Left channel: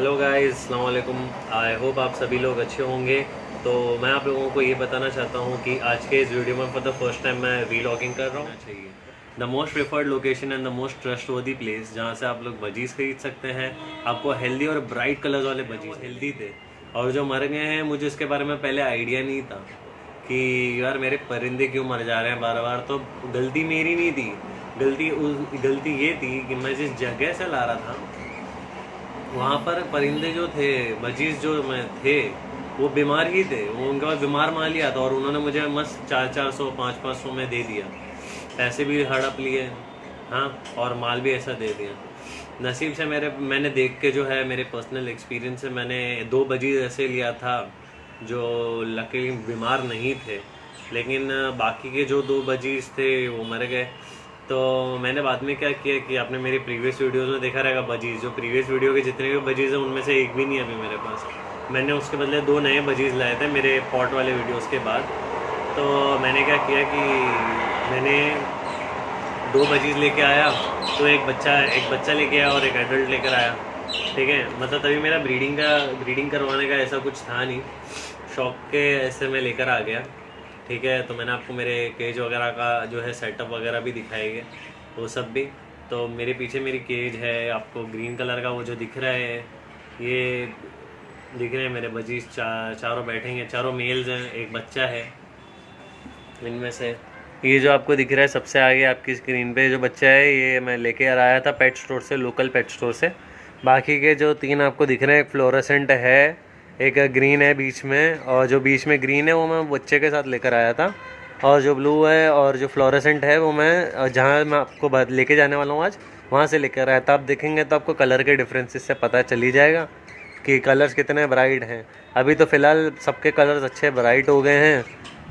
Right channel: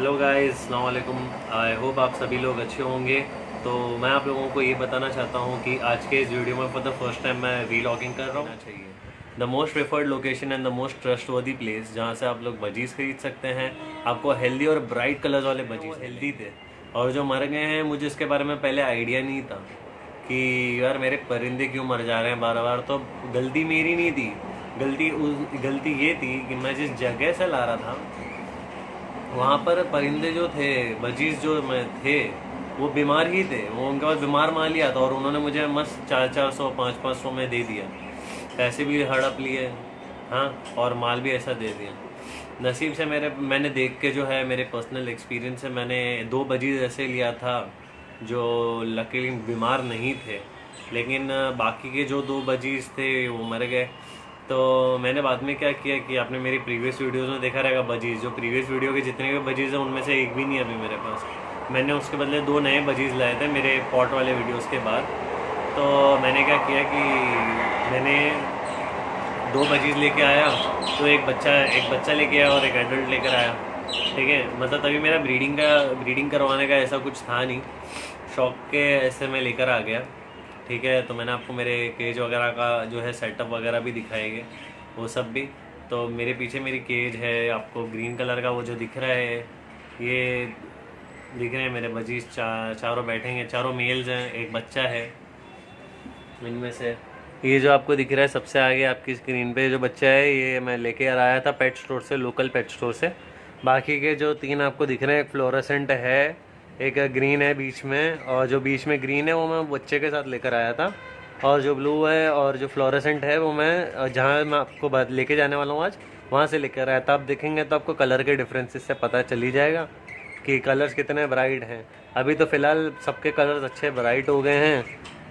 Hello guys, अस्सलाम वालेकुम। I hope आप सभी लोग अच्छे होंगे। तो मैं आप लोगों को ये बताना चाहता हूँ कि आज के इस वीडियो में फॉर द फर्स्ट टाइम मैं वीलॉगिंग कर रहा हूँ। चाहिए the most preferred location and the most trustworthy place जहाँ से आप लोग भजीज खरीद सकते हैं। आपको हेल्दी और ब्राइट कलर्स वाले भजीज हेल्दी थे, और जो मर गए हैं मुझे इसके बारे में पहले आइडिया नहीं था कि यार मेरे परिंदे क्यों मर जा रहे हैं बार बार। तो गलती मेरी नहीं थी, गलती ये थी कि मैं जिस जगह से ला रहा था वहाँ पर परिंदे जो थे, भजीज जो मैं थे, वो बीमार ही थे। वो उनके पास बीमार माल लिया था और उन्होंने मुझे मस्त 400-400 500-500 में दे दिया। पैसे भी हड़प लिए, हाँ, और माल भी ऐसा दे दिया। नसीब से मैंने देख के जो है, मेरे पर्सनल एक्सपीरियंस से मैंने 2 भजीज ऐसे लिया था जो लकीली बीमार नहीं थे, लेकिन बाकी के जो 2 भजीज थे वो मर गए। तो मैंने बाद में क्या किया कि आपने मेरी प्रीवियस वीडियोस में देखा रहेगा, भजीज जो प्रीवियस वीडियो के जितने भी भजीज हैं उनमें से एक भी नहीं है अभी मेरे पास। मैंने उसके बदले 2 नए भजीज लाए थे मेरे पॉट वाले वीडियोस के बाद। तो मैंने क्या किया कि मैंने 2 भजीज लेके आया, तो एक बच्चा लेके आया और एक एडल्ट लेकर आया। ठीक है, मतलब तभी मेरा ब्रीडिंग करवाने का ऐसा कुछ था नहीं, शौक के ऐसे मैं लेकर आ गया। ठीक है, तो मैंने आपको मेरे केज वगैरह का जो है सेटअप वगैरह भी दिखाएंगे, वो सब भी। तो मेरे पीछे मेरी केज है, आपको ग्रीन कलर का वो जो दिख रहा है, ये दिख रहे हैं मेरे भजीज। चारों बैठेंगे, चारों मेल्स हैं, एक बच्चा है इनमें से। ये जो आपको दिख रहा है सबसे आगे आपकी स्क्रीन पे जो बच्चा है, ये मैं लेके आया था पेट स्टोर से, लोकल पेट स्टोर से। बाकी के जो 3 आपको दिख रहे हैं, एक फ्लोरेसेंट है, एक ग्रीन है बीच में, और जो बीच में ग्रीन है वो मैं बच्चे के साथ लेकर आया था, और जो ब्लू है और जो फ्लोरेसेंट है वो मैं जहाँ मैं आपको लेके जाने वाला हूँ आज, वहाँ से लेकर आया था। आप देखेंगे तो आपको कलर के डिफरेंसेस से पता चल ही जाएगा कि कलर्स कितने ब्राइट हैं। अभी तो फ़िलहाल सबके कलर्स अच्छे ब्राइट हो गए हैं,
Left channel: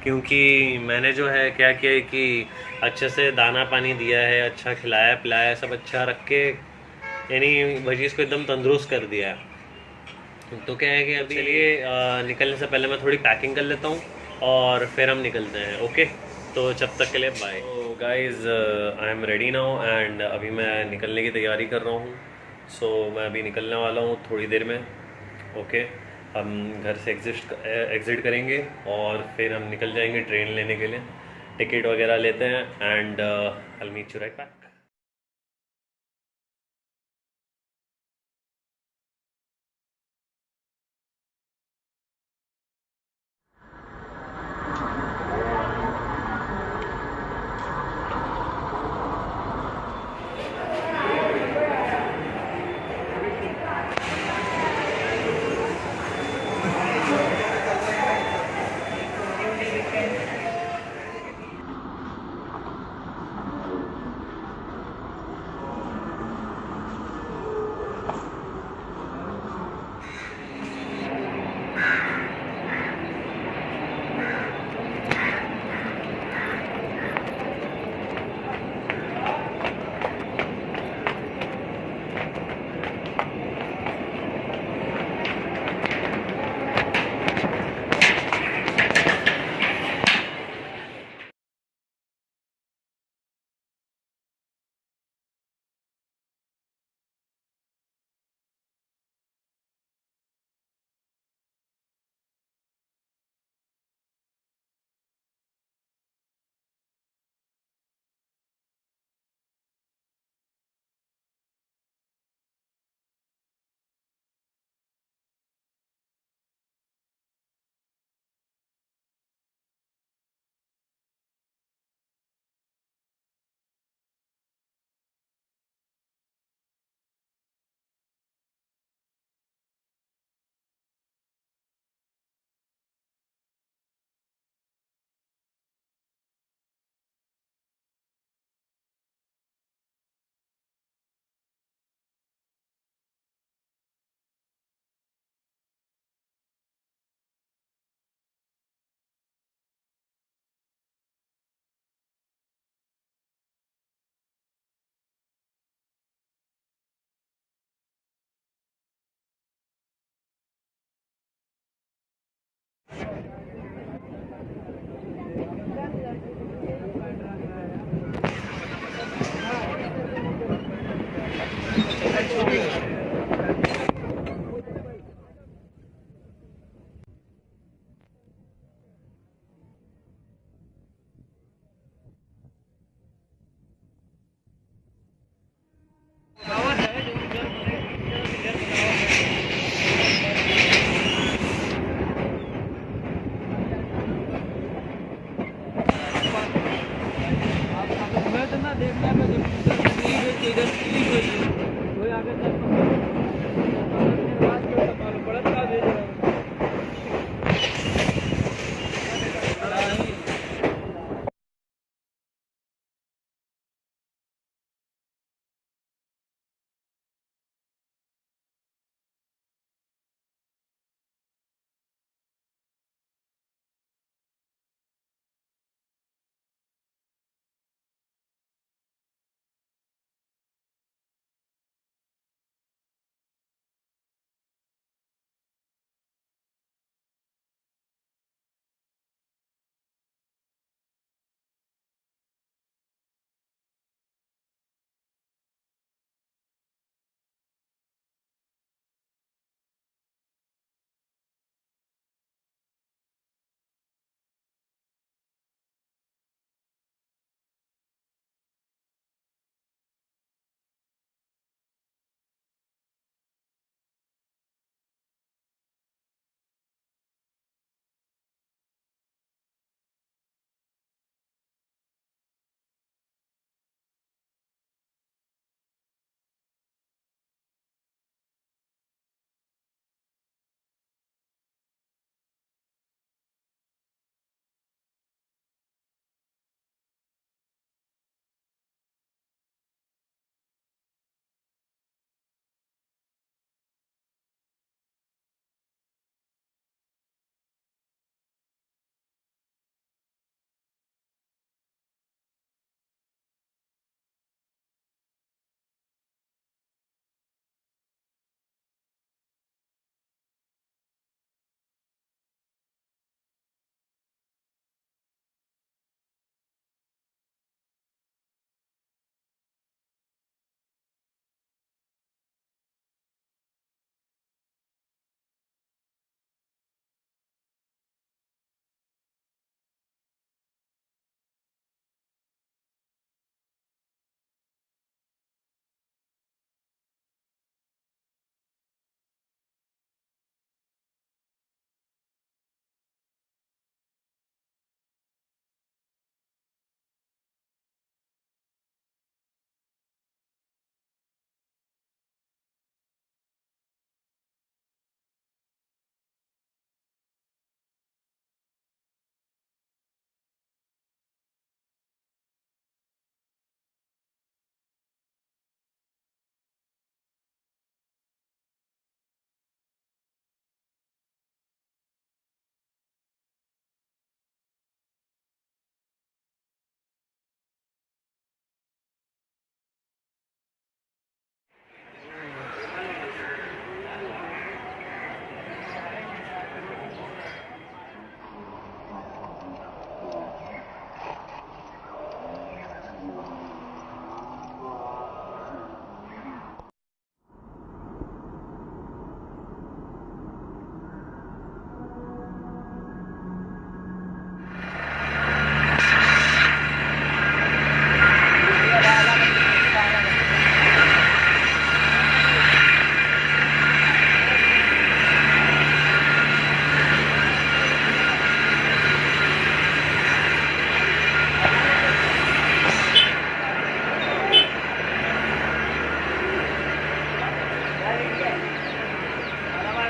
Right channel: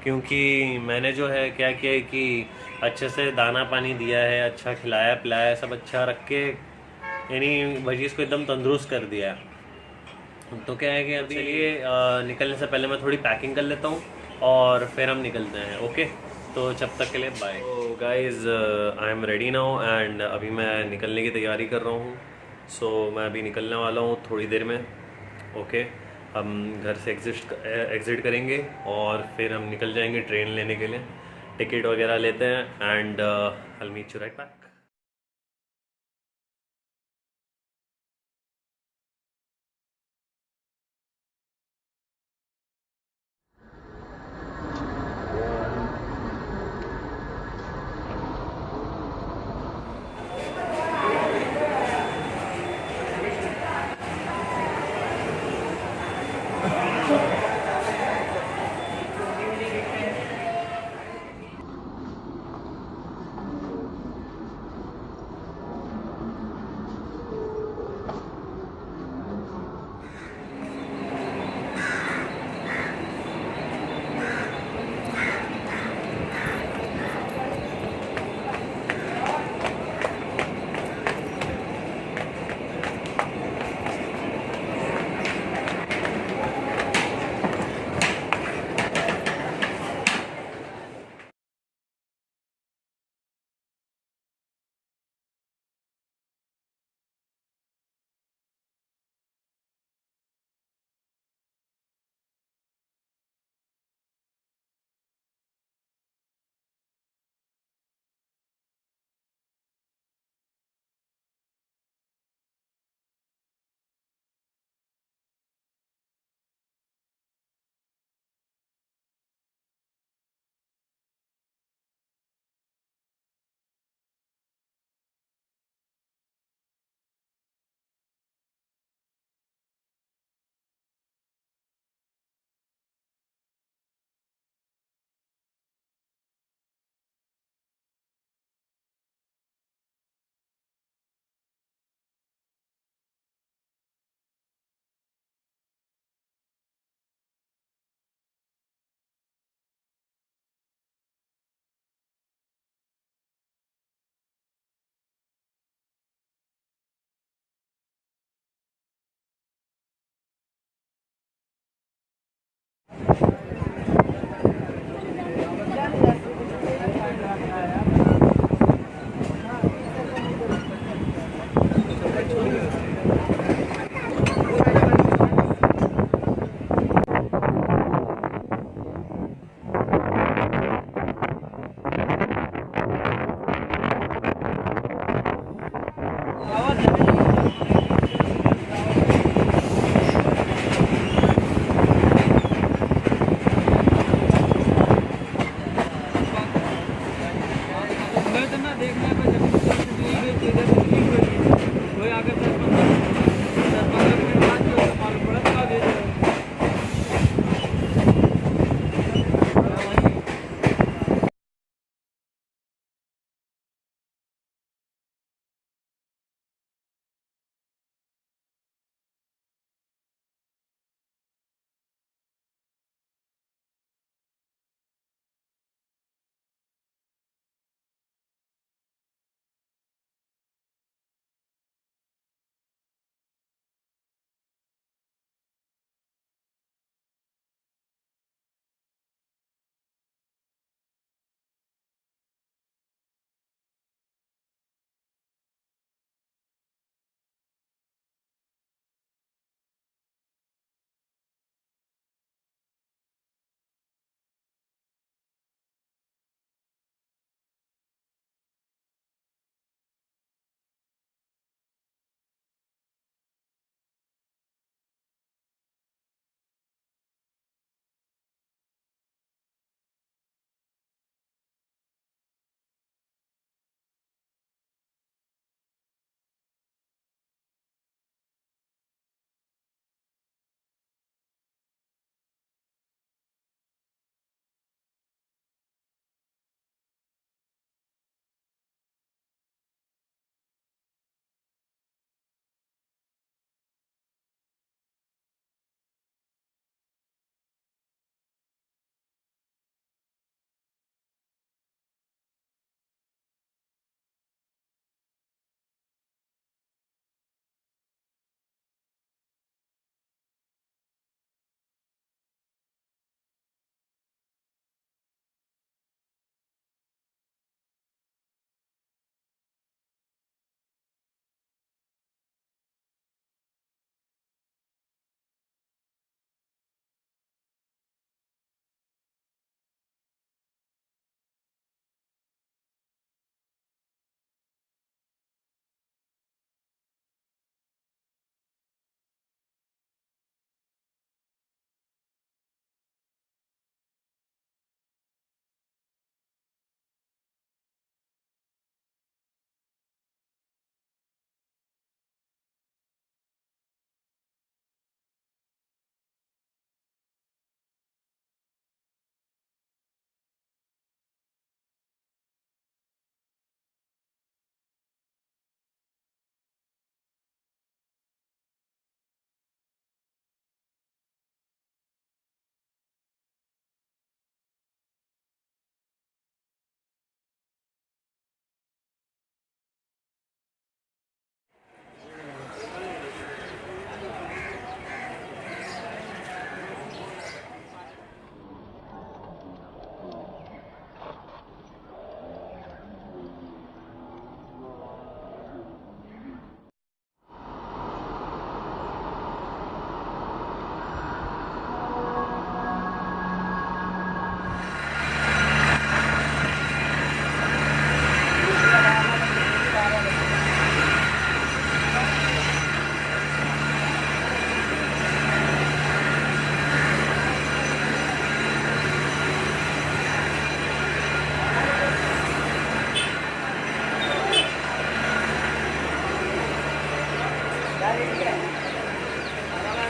क्योंकि मैंने जो है क्या किया है कि अच्छे से दाना पानी दिया है, अच्छा खिलाया पिलाया, सब अच्छा रख के, यानी भजीज को एकदम तंदुरुस्त कर दिया है। तो क्या है कि अभी चलिए निकलने से पहले मैं थोड़ी पैकिंग कर लेता हूँ और फिर हम निकलते हैं। ओके, तो जब तक के लिए बाय। तो guys, I am ready now and अभी मैं निकलने की तैयारी कर रहा हूँ। सो मैं अभी निकलने वाला हूँ थोड़ी देर में। ओके, हम घर से एग्ज़िट करेंगे और फिर हम निकल जाएंगे ट्रेन लेने के लिए। टिकट वगैरह लेते हैं and I will meet you right back.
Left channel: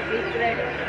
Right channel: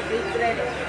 Secret